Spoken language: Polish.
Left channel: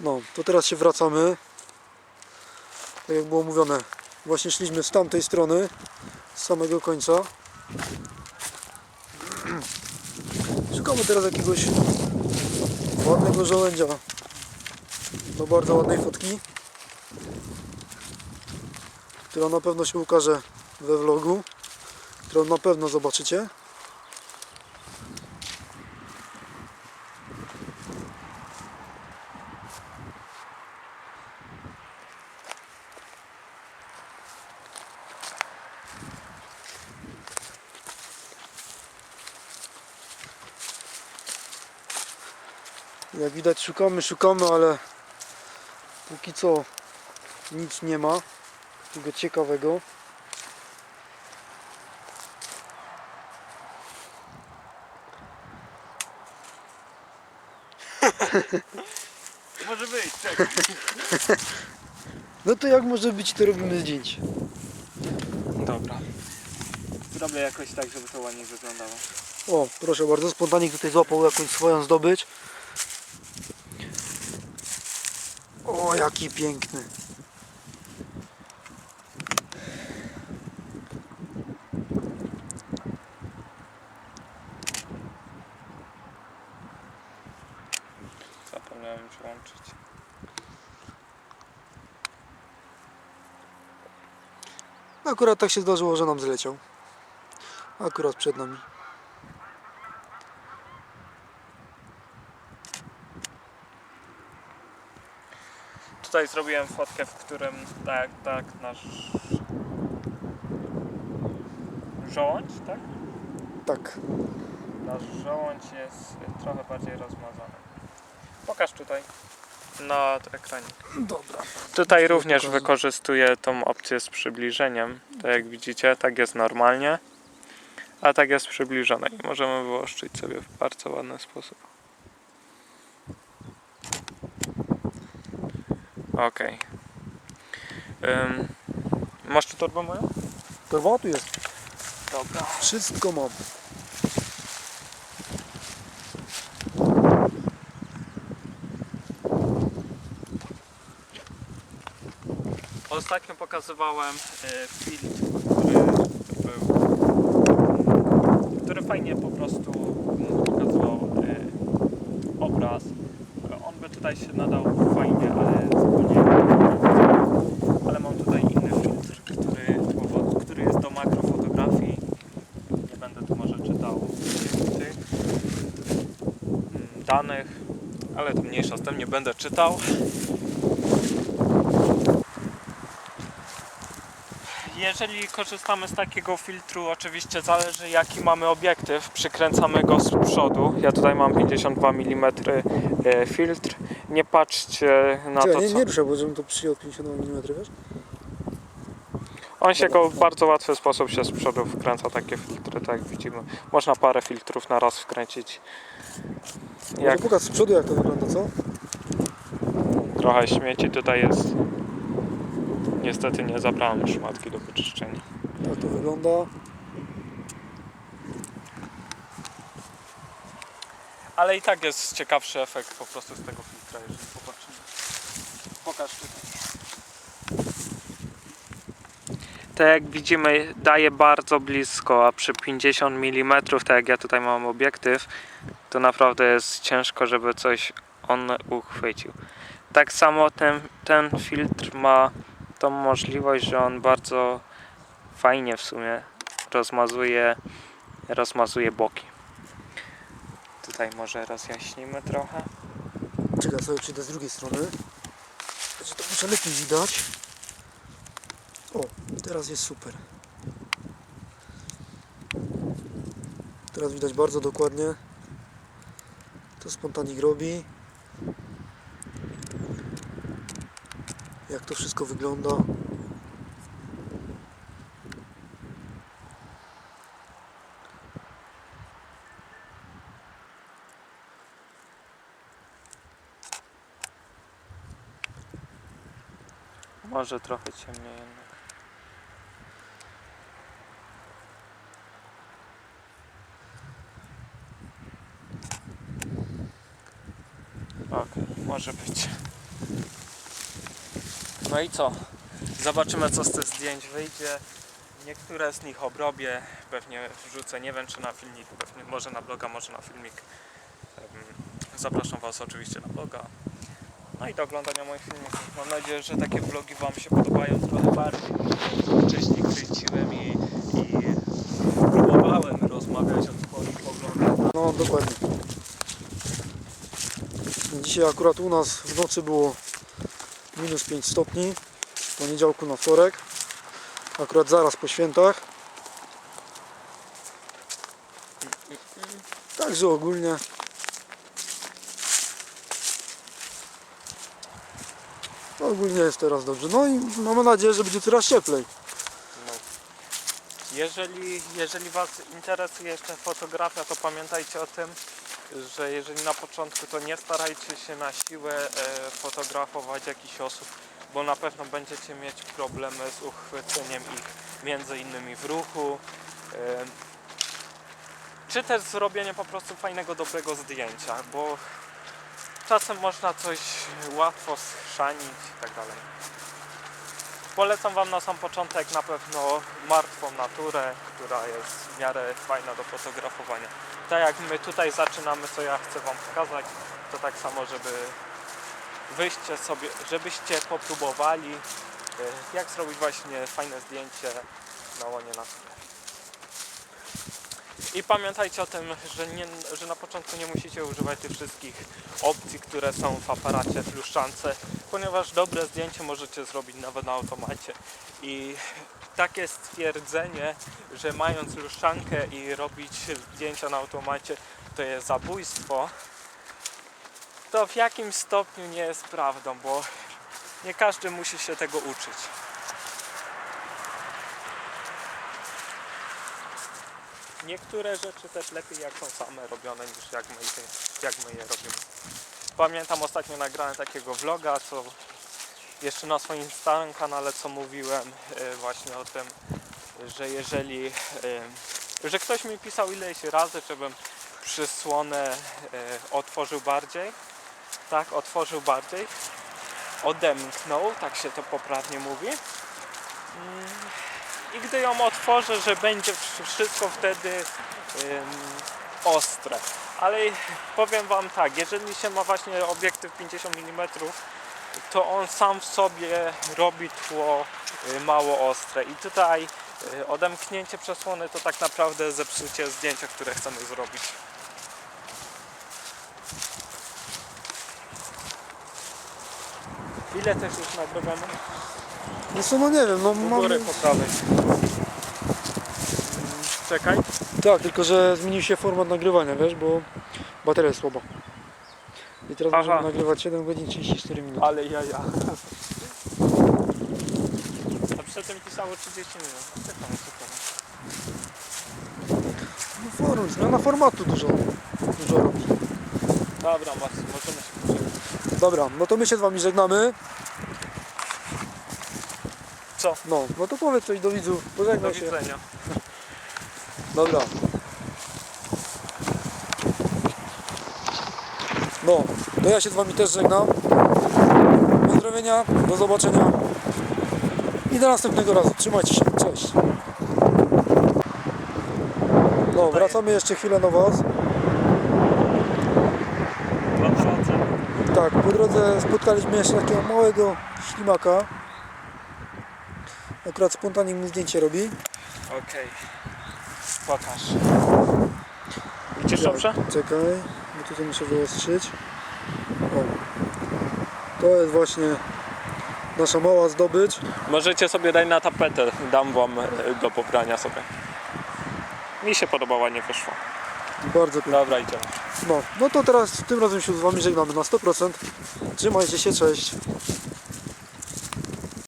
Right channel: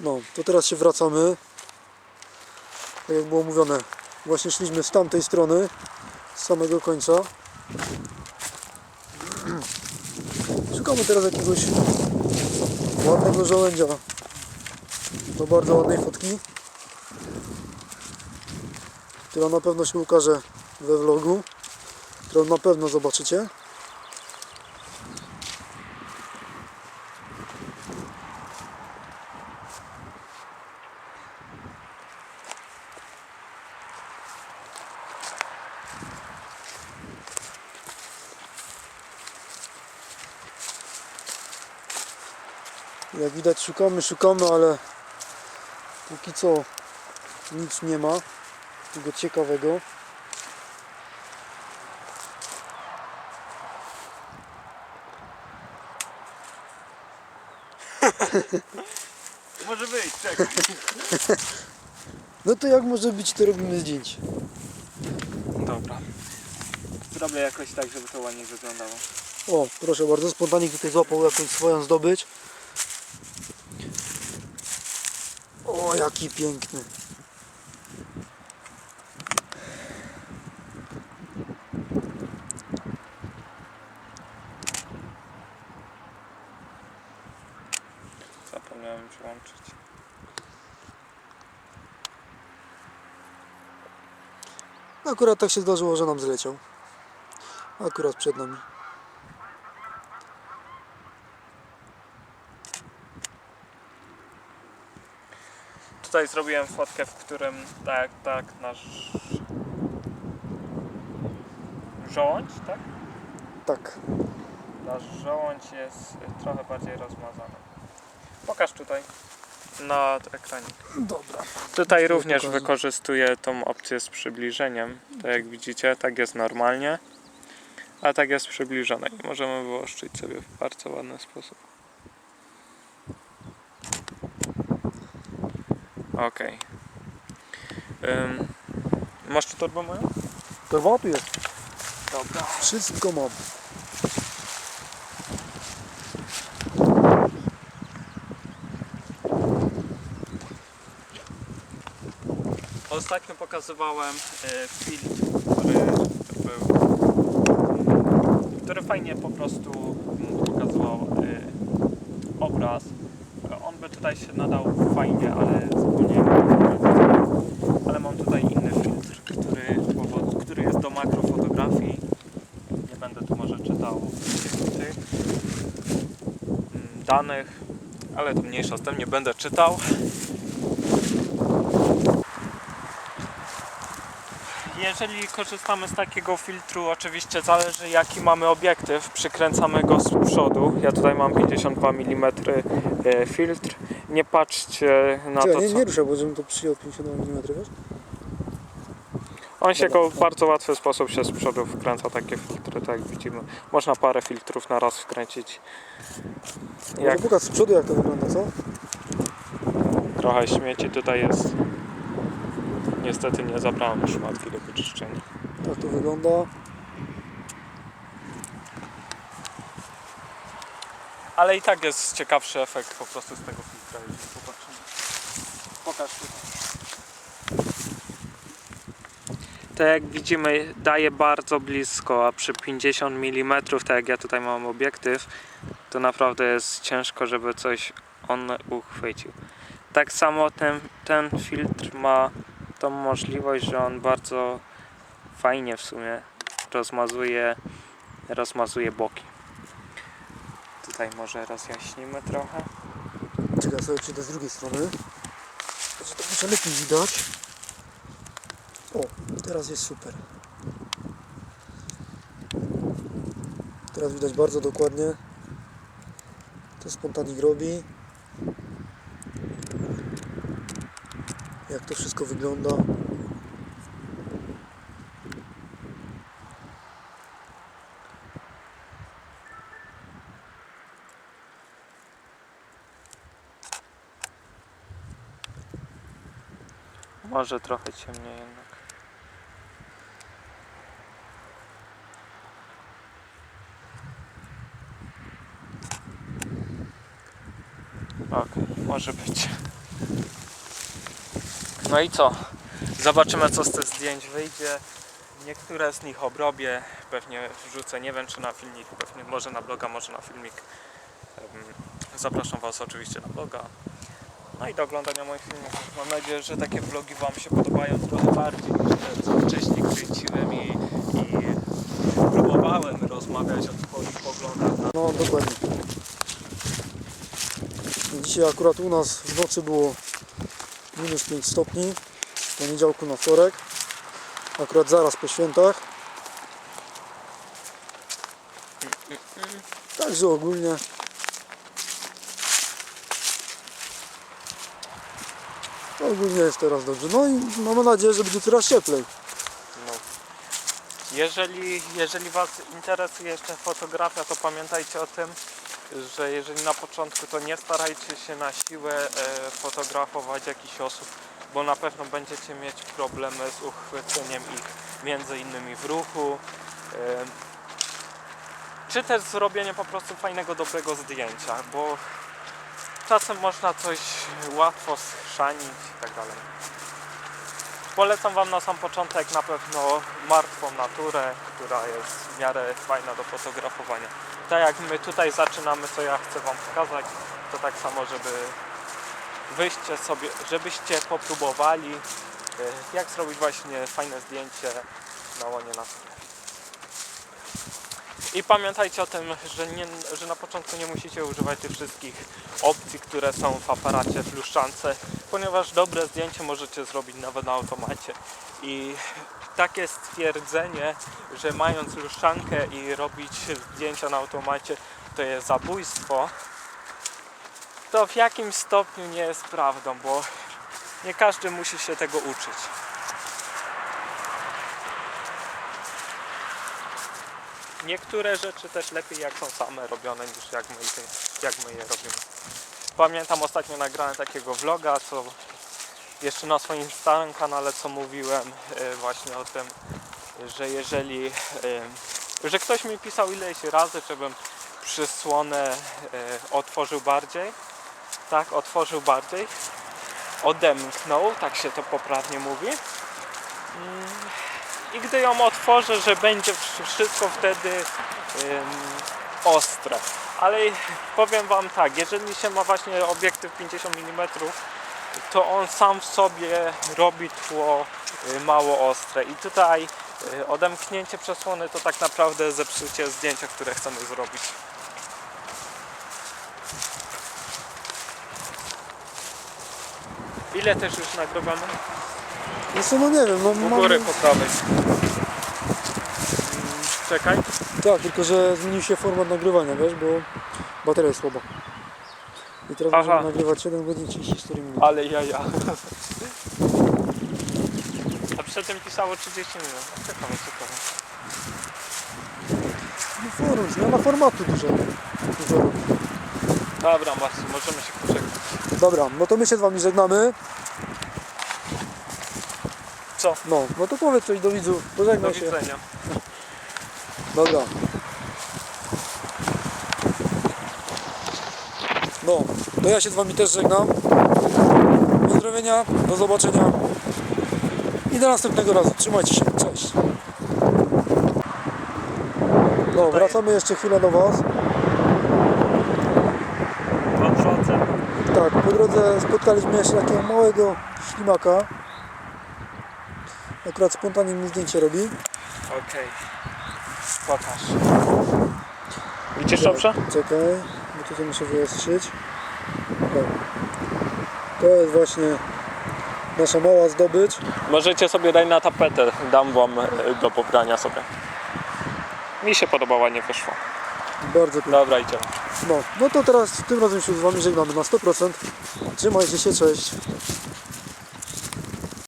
No, to teraz się wracamy. Tak jak było mówione, właśnie szliśmy z tamtej strony, z samego końca. Szukamy teraz jakiegoś ładnego żołędzia do bardzo ładnej fotki, która na pewno się ukaże we vlogu, którą na pewno zobaczycie. Jak widać szukamy, szukamy, ale póki co nic nie ma tego ciekawego. Może być, czekaj. No to jak może być, to robimy zdjęcie. Dobra. Zrobię jakoś tak, żeby to ładnie wyglądało. O, proszę bardzo, spontanik tutaj złapał jakąś swoją zdobycz. O, jaki piękny. Zapomniałem przyłączyć. Akurat tak się zdarzyło, że nam zleciał. Akurat przed nami. Tutaj zrobiłem fotkę, w którym tak, tak, nasz żołądź, tak? Tak. Nasz żołądź jest trochę bardziej rozmazany. Pokaż tutaj na ekranie. Dobra. Tutaj również pokażę. wykorzystuję tą opcję z przybliżeniem. Tak jak widzicie, tak jest normalnie, a tak jest przybliżone i możemy wyłoszczyć sobie w bardzo ładny sposób. Ok. Um, masz tu torbę moją? Torba tu jest. Dobra. Wszystko mam. Ostatnio pokazywałem e, film, który, który był który fajnie po prostu pokazywał e, obraz. On by tutaj się nadał fajnie, ale wybrać. Ale mam tutaj inny filtr, który, który jest do makrofotografii. Nie będę tu może czytał tych mm, danych, ale to mniejsza z tym, nie będę czytał. Jeżeli korzystamy z takiego filtru, oczywiście zależy jaki mamy obiektyw, przykręcamy go z przodu. Ja tutaj mam 52 mm e, filtr. Nie patrzcie na Czekaj, to, nie, co... nie ruszę, bo żebym to przyjął 52 mm, wiesz? On się go w bardzo łatwy sposób się z przodu wkręca takie filtry, tak jak widzimy. Można parę filtrów na raz wkręcić. Może Jak pokaż z przodu jak to wygląda, co? trochę śmieci tutaj jest. Niestety nie zabrałem szmatki do wyczyszczenia. Tak to wygląda. Ale i tak jest ciekawszy efekt po prostu z tego filtra, jeżeli popatrzymy. Pokaż tutaj. Tak jak widzimy daje bardzo blisko, a przy 50 mm, tak jak ja tutaj mam obiektyw, to naprawdę jest ciężko, żeby coś on uchwycił. Tak samo ten, ten filtr ma tą możliwość, że on bardzo fajnie w sumie rozmazuje, rozmazuje boki. Tutaj może rozjaśnimy trochę. Czekaj, sobie przyjdę z drugiej strony. Że to muszę lepiej widać. O, teraz jest super. Teraz widać bardzo dokładnie. To spontanik robi. Jak to wszystko wygląda. Może trochę ciemniej jednak. Okej, może być. No i co? Zobaczymy co z tych zdjęć wyjdzie. Niektóre z nich obrobię, pewnie wrzucę, nie wiem czy na filmik, pewnie może na bloga, może na filmik. Zapraszam Was oczywiście na bloga. No i do oglądania moich filmików. Mam nadzieję, że takie vlogi Wam się podobają trochę bardziej niż te, co wcześniej kręciłem i, i próbowałem rozmawiać o Twoich poglądach No dokładnie. Dzisiaj akurat u nas w nocy było minus 5 stopni. Z poniedziałku na wtorek. Akurat zaraz po świętach. Także ogólnie ogólnie jest teraz dobrze. No i mamy nadzieję, że będzie coraz cieplej. No. Jeżeli, jeżeli Was interesuje jeszcze fotografia, to pamiętajcie o tym, że jeżeli na początku, to nie starajcie się na siłę e, fotografować jakichś osób, bo na pewno będziecie mieć problemy z uchwyceniem ich między innymi w ruchu. E, czy też zrobienie po prostu fajnego, dobrego zdjęcia, bo czasem można coś łatwo schrzanić i tak dalej. Polecam Wam na sam początek na pewno martwą naturę, która jest w miarę fajna do fotografowania. Tak jak my tutaj zaczynamy, co ja chcę Wam pokazać, to tak samo, żeby wyjście sobie, żebyście popróbowali, e, jak zrobić właśnie fajne zdjęcie na łonie natury. I pamiętajcie o tym, że, nie, że na początku nie musicie używać tych wszystkich opcji, które są w aparacie, w luszczance, ponieważ dobre zdjęcie możecie zrobić nawet na automacie. I takie stwierdzenie, że mając luszczankę i robić zdjęcia na automacie, to jest zabójstwo, to w jakim stopniu nie jest prawdą, bo nie każdy musi się tego uczyć. Niektóre rzeczy też lepiej jak są same robione niż jak my, jak my je robimy. Pamiętam ostatnio nagrałem takiego vloga, co jeszcze na swoim starym kanale, co mówiłem e, właśnie o tym, że jeżeli, e, że ktoś mi pisał ileś razy, żebym przysłonę e, otworzył bardziej, tak, otworzył bardziej, odemknął, tak się to poprawnie mówi. Mm, I gdy ją otworzę, że będzie wsz- wszystko wtedy ostre. Ale powiem Wam tak, jeżeli się ma właśnie obiektyw 50 mm, to on sam w sobie robi tło y, mało ostre. I tutaj y, odemknięcie przesłony to tak naprawdę zepsucie zdjęcia, które chcemy zrobić. Ile też już nagrywamy? No co, no nie wiem, no U mam... góry po prawej. Mm, Czekaj. Tak, tylko że zmienił się format nagrywania, wiesz, bo bateria jest słaba. I teraz Aha. możemy nagrywać 7 godzin 34 minut. Ale jaja. A przedtem pisało 30 minut. A Ciekawe, ciekawe. No form, zmiana formatu dużo, dużo robi. Dobra, Marcy, możemy się pożegnać. Dobra, no to my się z wami żegnamy. Co? No, no to powiedz coś do widzów, Do pożegnaj się. widzenia. Dobra. No, to ja się z wami też żegnam. Pozdrowienia, do zobaczenia. I do następnego razu. Trzymajcie się, cześć. No, wracamy jeszcze chwilę do was. Po drodze, Tak, po drodze spotkaliśmy jeszcze takiego małego ślimaka. Akurat spontanicznie mi zdjęcie robi. Okej. Pokaż. Widzisz dobrze? Czekaj, bo tutaj muszę wyostrzyć. O. To jest właśnie nasza mała zdobycz. Możecie sobie dać na tapetę. Dam wam e, do pobrania sobie. Mi się podobała, nie wyszło. Bardzo piękna. Dobra, idziemy. No, no to teraz tym razem się z Wami żegnamy na 100%. Trzymajcie się, cześć.